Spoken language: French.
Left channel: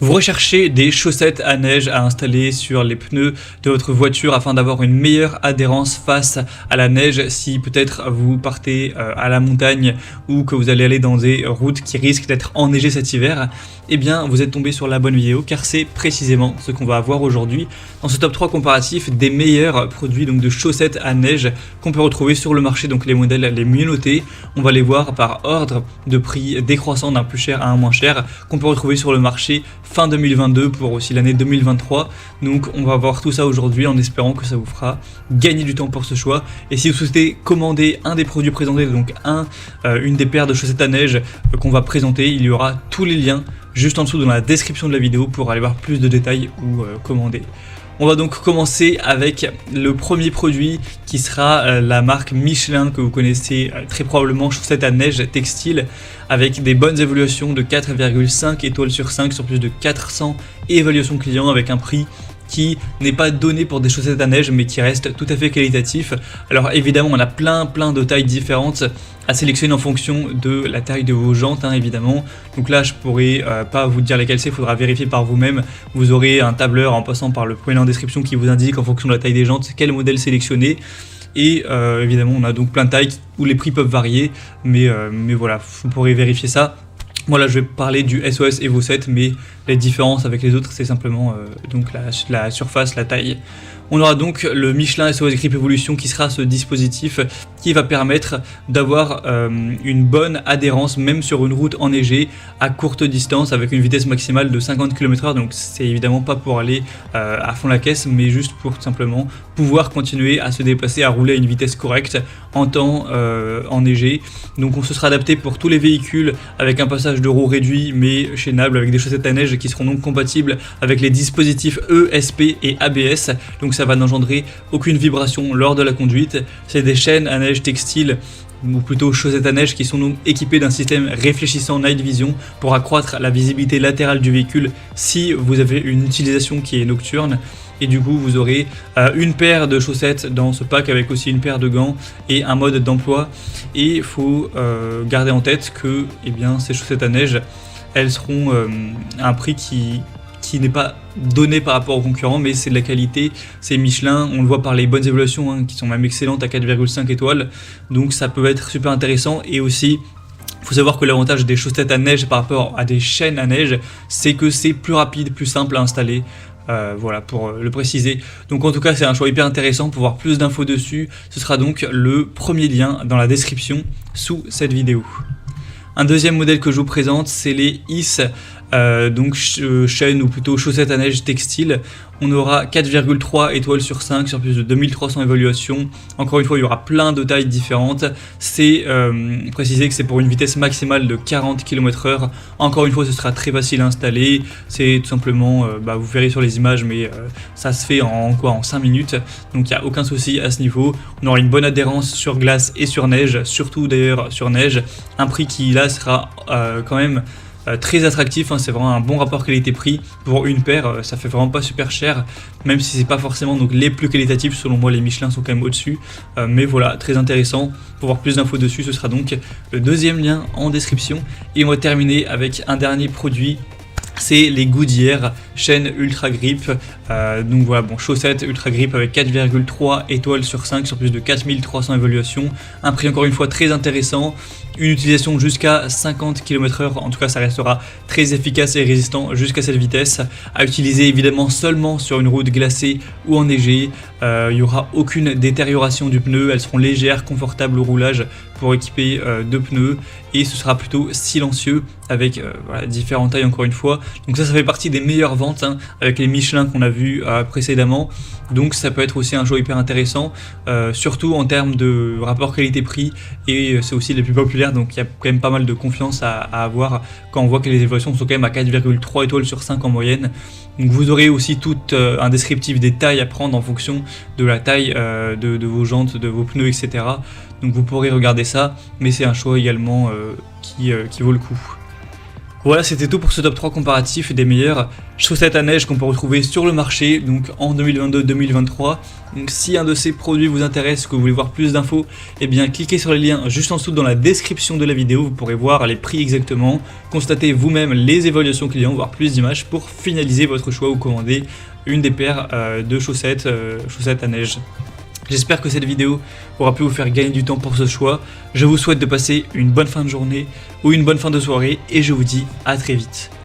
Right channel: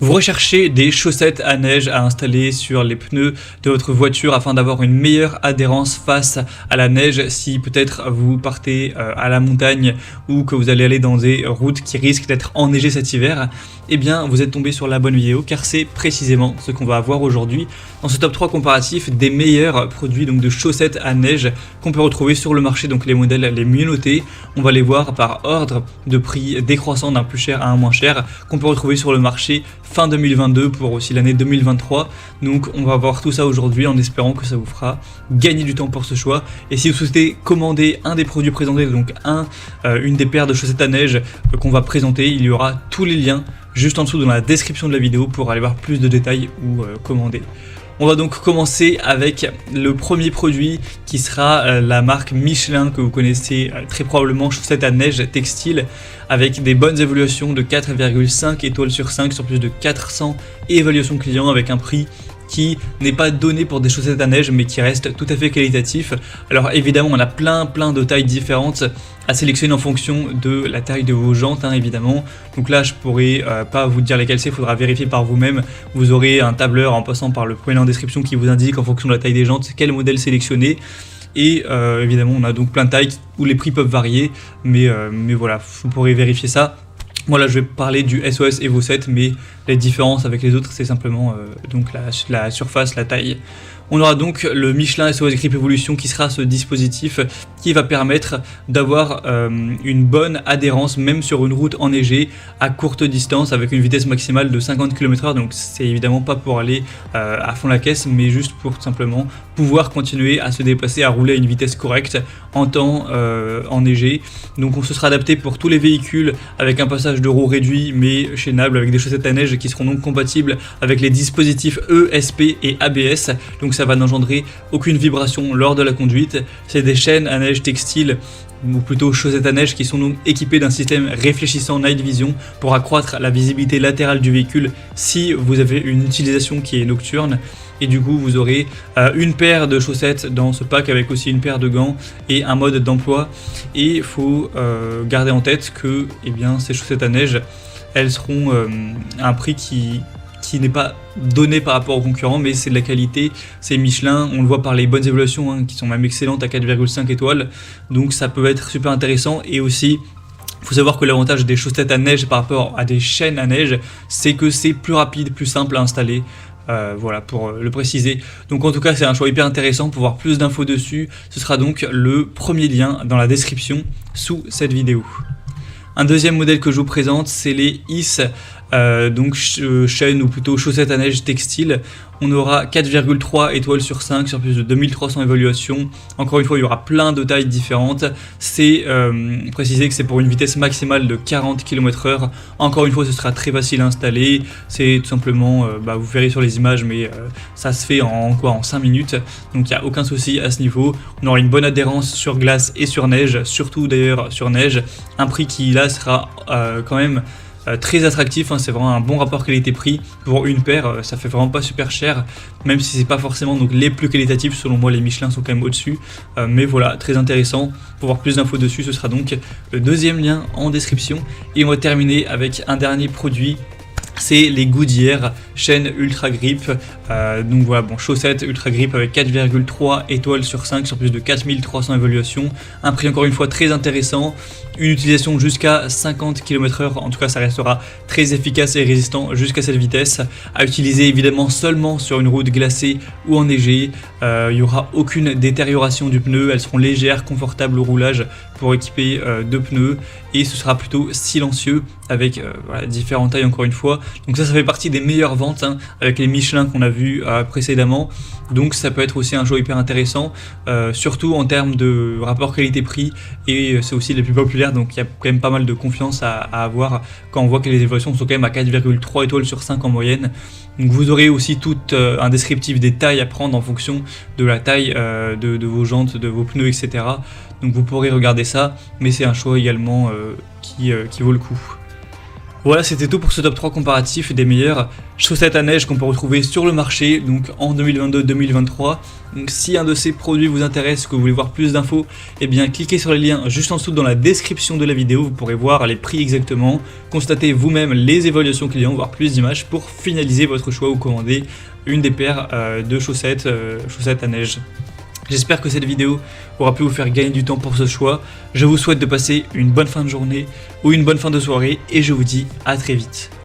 Vous recherchez des chaussettes à neige à installer sur les pneus de votre voiture afin d'avoir une meilleure adhérence face à la neige si peut-être vous partez à la montagne ou que vous allez aller dans des routes qui risquent d'être enneigées cet hiver. Eh bien, vous êtes tombé sur la bonne vidéo car c'est précisément ce qu'on va voir aujourd'hui dans ce top 3 comparatif des meilleurs produits donc de chaussettes à neige qu'on peut retrouver sur le marché, donc les modèles les mieux notés. On va les voir par ordre de prix décroissant d'un plus cher à un moins cher qu'on peut retrouver sur le marché fin 2022 pour aussi l'année 2023. Donc on va voir tout ça aujourd'hui en espérant que ça vous fera gagner du temps pour ce choix. Et si vous souhaitez commander un des produits présentés, donc une des paires de chaussettes à neige qu'on va présenter, il y aura tous les liens juste en dessous dans la description de la vidéo pour aller voir plus de détails pour commander. On va donc commencer avec le premier produit qui sera la marque Michelin que vous connaissez très probablement, chaussettes à neige textile, avec des bonnes évaluations de 4,5 étoiles sur 5 sur plus de 400 évaluations clients, avec un prix qui n'est pas donné pour des chaussettes à neige mais qui reste tout à fait qualitatif. Alors évidemment on a plein de tailles différentes à sélectionner en fonction de la taille de vos jantes évidemment. Donc là je pourrais pas vous dire lesquelles c'est, il faudra vérifier par vous-même. Vous aurez un tableur en passant par le point en description qui vous indique en fonction de la taille des jantes quel modèle sélectionner. Et évidemment on a donc plein de tailles où les prix peuvent varier, mais voilà, vous pourrez vérifier ça. Moi là je vais parler du SOS Evo 7, mais les différences avec les autres c'est simplement donc la surface, la taille. On aura donc le Michelin SOS Grip Evolution qui sera ce dispositif qui va permettre d'avoir une bonne adhérence même sur une route enneigée à courte distance avec une vitesse maximale de 50 km/h. Donc c'est évidemment pas pour aller à fond la caisse, mais juste pour simplement pouvoir continuer à se dépasser à rouler à une vitesse correcte en temps enneigé. Ce sera adapté pour tous les véhicules avec un passage de roues réduit mais chaînable avec des chaussettes à neige qui seront donc compatibles avec les dispositifs ESP et ABS. Donc ça va n'engendrer aucune vibration lors de la conduite. C'est des chaînes à neige textiles ou plutôt chaussettes à neige qui sont donc équipées d'un système réfléchissant Night Vision pour accroître la visibilité latérale du véhicule si vous avez une utilisation qui est nocturne. Et du coup vous aurez une paire de chaussettes dans ce pack avec aussi une paire de gants et un mode d'emploi. Et il faut garder en tête que ces chaussettes à neige elles seront à un prix qui n'est pas donné par rapport aux concurrents, mais c'est de la qualité, c'est Michelin, on le voit par les bonnes évaluations qui sont même excellentes à 4,5 étoiles, donc ça peut être super intéressant. Et aussi il faut savoir que l'avantage des chaussettes à neige par rapport à des chaînes à neige, c'est que c'est plus rapide, plus simple à installer. Voilà pour le préciser. Donc en tout cas c'est un choix hyper intéressant. Pour voir plus d'infos dessus, ce sera donc le premier lien dans la description sous cette vidéo. Un deuxième modèle que je vous présente, c'est les IS, chaînes ou plutôt chaussettes à neige textile. On aura 4,3 étoiles sur 5 sur plus de 2300 évaluations. Encore une fois, il y aura plein de tailles différentes. C'est précisé que c'est pour une vitesse maximale de 40 km/h. Encore une fois, ce sera très facile à installer. C'est tout simplement, vous verrez sur les images, mais ça se fait en 5 minutes. Donc il n'y a aucun souci à ce niveau. On aura une bonne adhérence sur glace et sur neige, surtout d'ailleurs sur neige. Un prix qui là sera quand même très attractif, c'est vraiment un bon rapport qualité-prix pour une paire, ça fait vraiment pas super cher, même si c'est pas forcément donc les plus qualitatifs. Selon moi les Michelin sont quand même au-dessus, mais voilà, très intéressant. Pour voir plus d'infos dessus, ce sera donc le deuxième lien en description. Et on va terminer avec un dernier produit, c'est les Goodyear chaîne Ultra Grip. Donc voilà, chaussettes Ultra Grip avec 4,3 étoiles sur 5 sur plus de 4300 évaluations. Un prix encore une fois très intéressant. Une utilisation jusqu'à 50 km/h, en tout cas ça restera très efficace et résistant jusqu'à cette vitesse. À utiliser évidemment seulement sur une route glacée ou enneigée. Il n'y aura aucune détérioration du pneu, elles seront légères, confortables au roulage pour équiper deux pneus. Et ce sera plutôt silencieux avec différentes tailles encore une fois. Donc ça fait partie des meilleures ventes avec les Michelin qu'on a vu précédemment. Donc ça peut être aussi un choix hyper intéressant, surtout en termes de rapport qualité-prix. Et c'est aussi les plus populaires, donc il y a quand même pas mal de confiance à avoir quand on voit que les évaluations sont quand même à 4,3 étoiles sur 5 en moyenne. Donc vous aurez aussi tout un descriptif des tailles à prendre en fonction de la taille de vos jantes, de vos pneus, etc. Donc vous pourrez regarder ça, mais c'est un choix également qui vaut le coup. Voilà, c'était tout pour ce top 3 comparatif des meilleures chaussettes à neige qu'on peut retrouver sur le marché donc en 2022-2023. Donc si un de ces produits vous intéresse, que vous voulez voir plus d'infos, eh bien cliquez sur les liens juste en dessous dans la description de la vidéo, vous pourrez voir les prix exactement, constater vous-même les évaluations clients, voir plus d'images pour finaliser votre choix ou commander une des paires de chaussettes à neige. J'espère que cette vidéo aura pu vous faire gagner du temps pour ce choix. Je vous souhaite de passer une bonne fin de journée ou une bonne fin de soirée et je vous dis à très vite.